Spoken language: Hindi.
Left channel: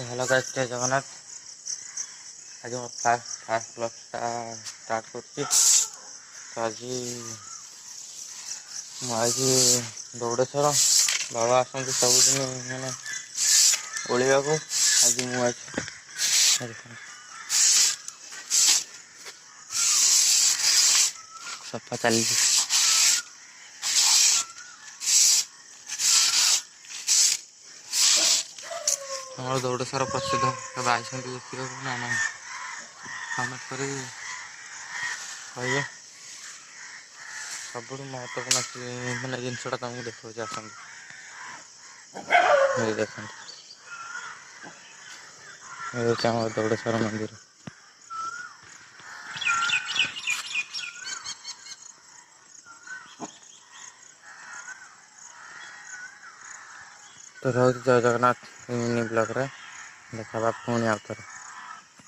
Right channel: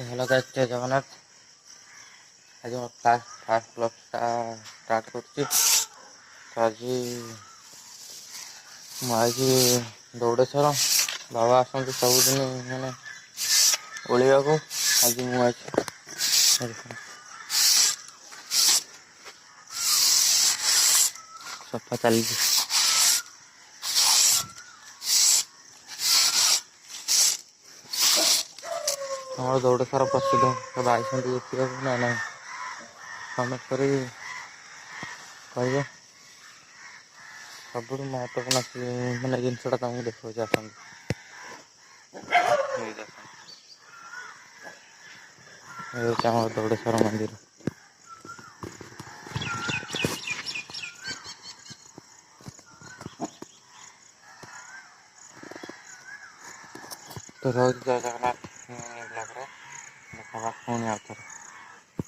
हेलो गाइस, जय जगन्नाथ। आज मैं फास्ट ब्लॉग स्टार्ट कर आज दौड़ेश्वर बाबा आसती सबुदिन मैंने ओलिया को आज सफा चली हमारे दौड़ेश्वर प्रसिद्ध केवल आई देखा ना ना कमेंट कर कहे सब महत्वपूर्ण मानने जिनसा तुमको देखा आस दौड़ेश्वर मंदिर तो रोज जय जगन्नाथ मिनी ब्लॉग रे देखा पुणी आउथरे।